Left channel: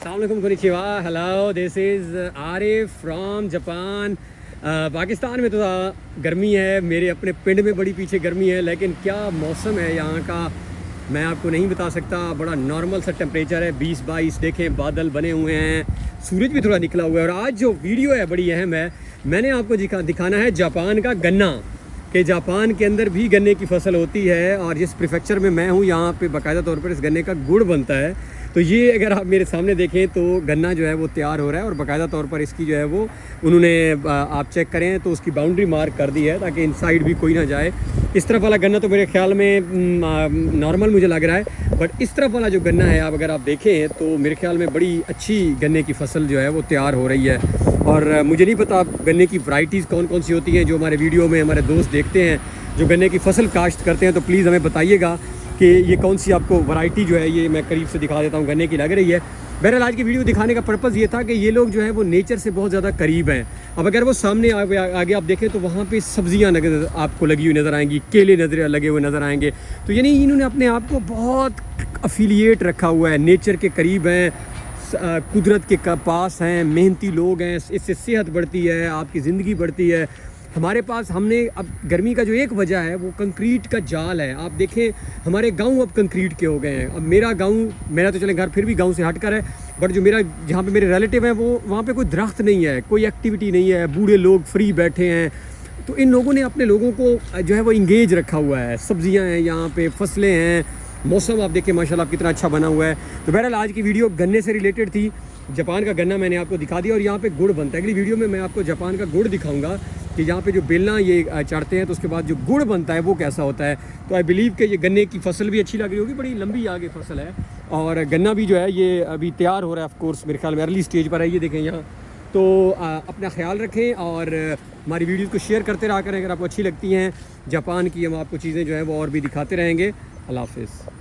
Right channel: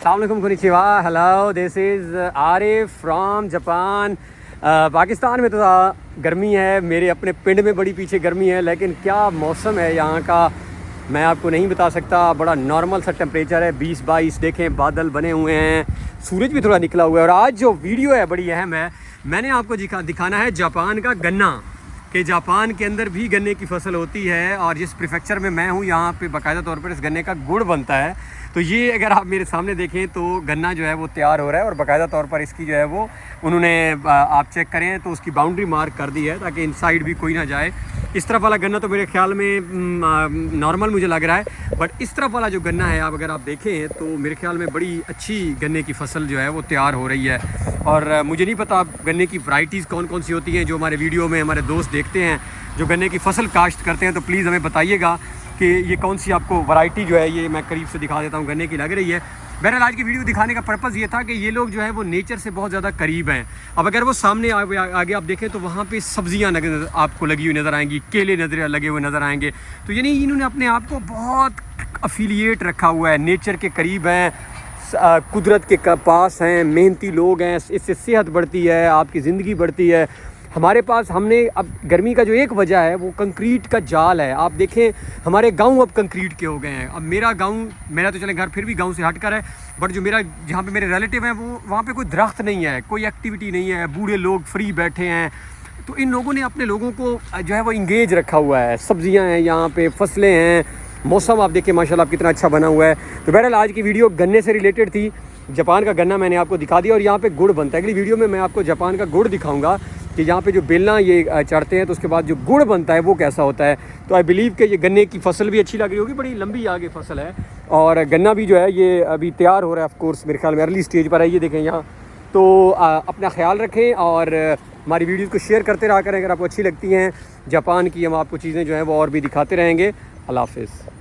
अस्सलामुअलैकुम konnichiwa, hello, this is Arif from Japan. Pakistan में तो गर्मी है, मेरे अपने पिंड में बड़ी पीछे गर्मी है, लेकिन क्या मौसम है यहाँ का मैं आपको नहीं बता सकता। बड़ा नॉर्मल सा टेम्परेचर है, 20-22। देखें बादल बने हुए हैं, सूरज भी थोड़ा निकला हुआ है। और आज जो वीडियो है बड़ी अहम है, मैंने आपको दिखाना है जापान का गन्ना, कि जापान के अंदर भी गन्ने की फसल होती है। और जिस प्रीफेक्चर में मैं हूँ यहाँ पे बाकायदा तौर पर इस गन्ने का गुड़ बनता है। तो ये अगर आप मेरे सामने देखें तो गन्ना जो है वो तैयार हो रहा है, और बाकायदा तौर पर इसकी जो है वो उन्होंने आप चेक करें तो उसकी बाउंड्री मार्क कर दी है ताकि इनसाइड भी कोई ना जाए। इस तरफ वाला गन्ना तो मेरे ख्याल में नॉर्मल मुझे लग रहा है, बट इस तरफ वाला जो गन्ना है आप अगर आप देखें तो मेरे ख्याल में बड़ी अच्छी गन्ने की फसल जो है वो तैयार हो रही है। और मुझे नहीं पता गन्ने की वैरायटीज़ कौन कौन सी होती हैं। जो हमारे वीडियो में हमारे दोस्त देखते हैं जो गन्ने की फसल काश्त करते हैं, तो प्लीज़ हमें बताइएगा कि ये कौन सी आपको वैरायटी जो है, ये मैं करीब से दिखा देता हूँ, गन्ने की लग रही है। बहरहाल आज की वीडियो दिखाने का पर्पज़ ये था कि ये लोग जो है वो नेचर से बहुत ज़्यादा करीब हैं। अब अगर वो सामने आगे आप देखें तो वहाँ पे सब्जियाँ आपको लगी हुई नज़र आएंगी, केले लगे हुए नज़र आएंगे। तो यानी इन्होंने अपने आप को बहुत अफिलिएट रखा हुआ है, नेचर के करीब हैं, कुदरत के पास हैं, मेहनती लोग हैं। इससे सेहत बढ़ती है, आपकी ज़िंदगी बढ़ती है। हमारे पास हमने अब गर्मी का जो एक वजह है वो कंक्रीट का जाल है। आप देखें हमारे गांव अब कंक्रीट के हो गए हैं। अब मेरा तो चले घर फिर भी गांव से हटकर है, बट जो मेरा जहाँ पे मेरे रिलेटिव हैं वो वहाँ पे कोई दरख्त नहीं है, कोई एक्टिविटी नहीं है, बूढ़े लोग फ्री बैठे हैं। तो इन लोगों ने अपने लोगों को जो है वो इंगेज रखा हुआ है। सब्जियाँ हैं यहाँ पे, फसलें हैं, मौसम आप देखिए माशाल्लाह कितना अच्छा बना हुआ है। तो बहरहाल आज की वीडियो गन्ने से रिलेटेड थी। जापान का गन्ना मैंने आपको दिखा दिया और यहाँ पे गुड़ बनता है। अगली वीडियो में मैं आपको जापान का गुड़ दिखाऊंगा कि यहाँ पे जो बेलना ये चढ़ते हैं तो उसके बाद जो गुड़ बनता है वो कैसा होता है। तो आई बिलीव कि ये गन्ने की फसल भी अच्छी लग रही होगी, बड़ी लंबी आगे फसल है। और गन्ना भी जो है ये अभी तैयार हो रहा है, ऑफ कोर्स मेरे ख्याल में अर्ली स्टेज पर है। ये देखें यहाँ। तो अपना ख्याल रखें और हमारी वीडियोज़ को शेयर करते रहा करें अगर आपको अच्छी लगती हैं जापान की। हम आपको चीज़ें जो हैं वो और भी दिखाते रहेंगे। अल्लाह हाफ़िज़।